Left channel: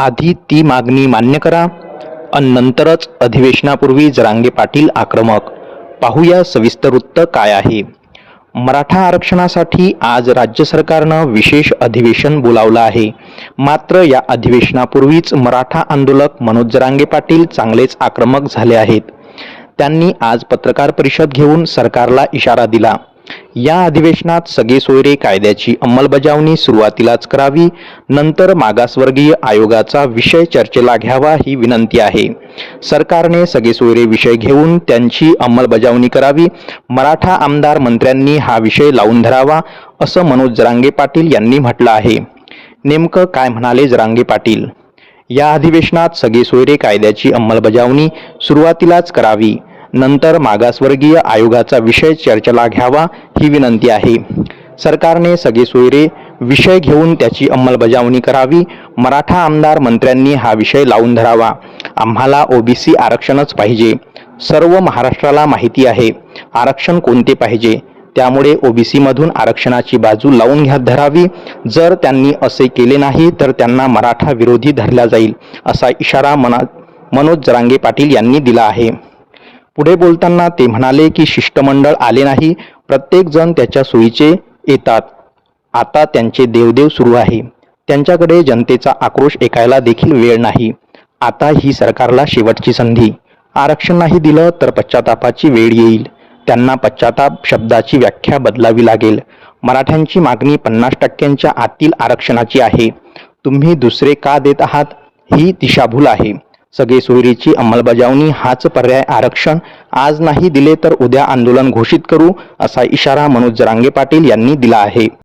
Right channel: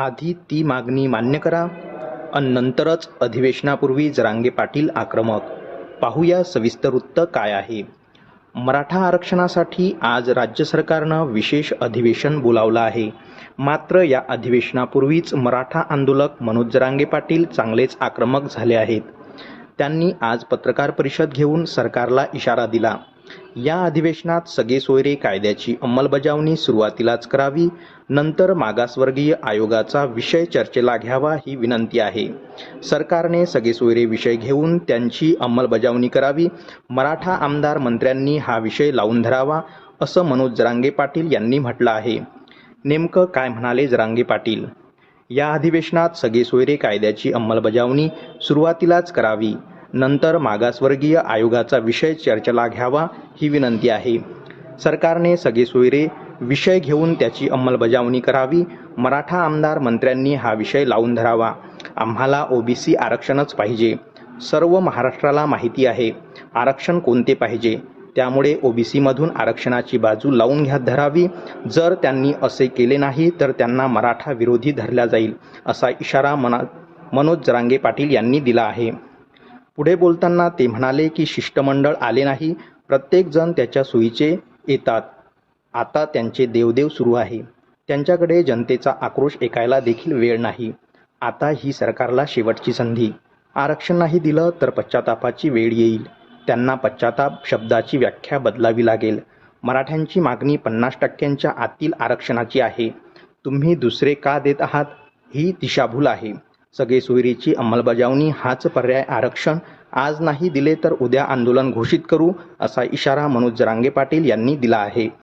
आधी ती मागणी मान्य करा. अन नंतरच अधिवेशनापूर्वी जरांगे पाटील आक्रमक. पाहूया सविस्तर वृत्त काय आहे. मराठा आरक्षणासाठी आज राज्य सरकारनं विशेष अधिवेशन बोलावलं आहे. मात्र या अधिवेशनापूर्वीच मराठा आंदोलक मनोज जरांगे पाटील चांगलेच आक्रमक झाले आहेत. त्यांनी आज पत्रकार परिषद घेऊन सरकारला इशारा दिला. या अधिवेशनात सगळे सोयरे कायद्याची अंमलबजावणी सुरुवातीलाच करावी नंतर मागासवर्गीय आयोगाचा विषय चर्चेला घ्यावा ही विनंती आहे. सरकारने सगळे सोयरे विषय घेऊन त्यांची अंमलबजावणी करावी मराठा आमदार मंत्र्यांनी हा विषय लावून धरावा असं मनोज जरांगे पाटील यांनी म्हटलं आहे. नेमकं काय म्हणाले जरांगे पाटील? या अधिवेशनात सगळे सोयरे कायद्याची अंमलबजावणी सुरुवातीलाच करावी नंतर मागासवर्गीय आयोगाचा विषय चर्चेला घ्यावा ही विनंती आहे. सरकारने सगळे सोयरे विषय घेऊन त्याची अंमलबजावणी करावी. मराठा आमदार मंत्र्यांनी हा विषय लावून धरावा. आम्हाला ओबीसी आरक्षणच पाहिजे. सर्व महाराष्ट्राला माहिती आहे. आरक्षण कोणते पाहिजे? त्यामुळे ओबीसीमधून आरक्षणाची बाजू लावून घ्या धरावी. जर त्यांनी असे केले नाही तर त्यांना मराठा विरोधी धरला जाईल असा इशारा मना मनोज जरांगे पाटील यांनी दिला आहे. पुढे बोलताना ते म्हणाले की शिष्टमंडळ आले नाही प्रत्येक जण त्याच्या सोयीचे येतात. आता त्यांचे देवदेव सुरू आहे. त्यांच्याकडे जनतेचा आक्रोश ऐकायला देखील वेळ नाही. आता ही सरकारला शेवटची संधी. आरक्षण नाही दिलं तर पश्चातापाची वेळ येईल. त्यांना पश्चाताप शब्दाची व्याख्या बदलावी लागेल. मराठ्यांची मागणी पन्नास टक्क्यांच्या आतील आरक्षणाची आहे. तुम्ही दुसरे का देत आहात? ही दिशाभूल आहे. सगळे सोयरीची अंमलबजावणी हाच पर्याय आरक्षण. आज नाही दिले तर उद्या आंदोलन घोषित करू असा इशारा मनोज जरांगे पाटील यांनी दिला आहे.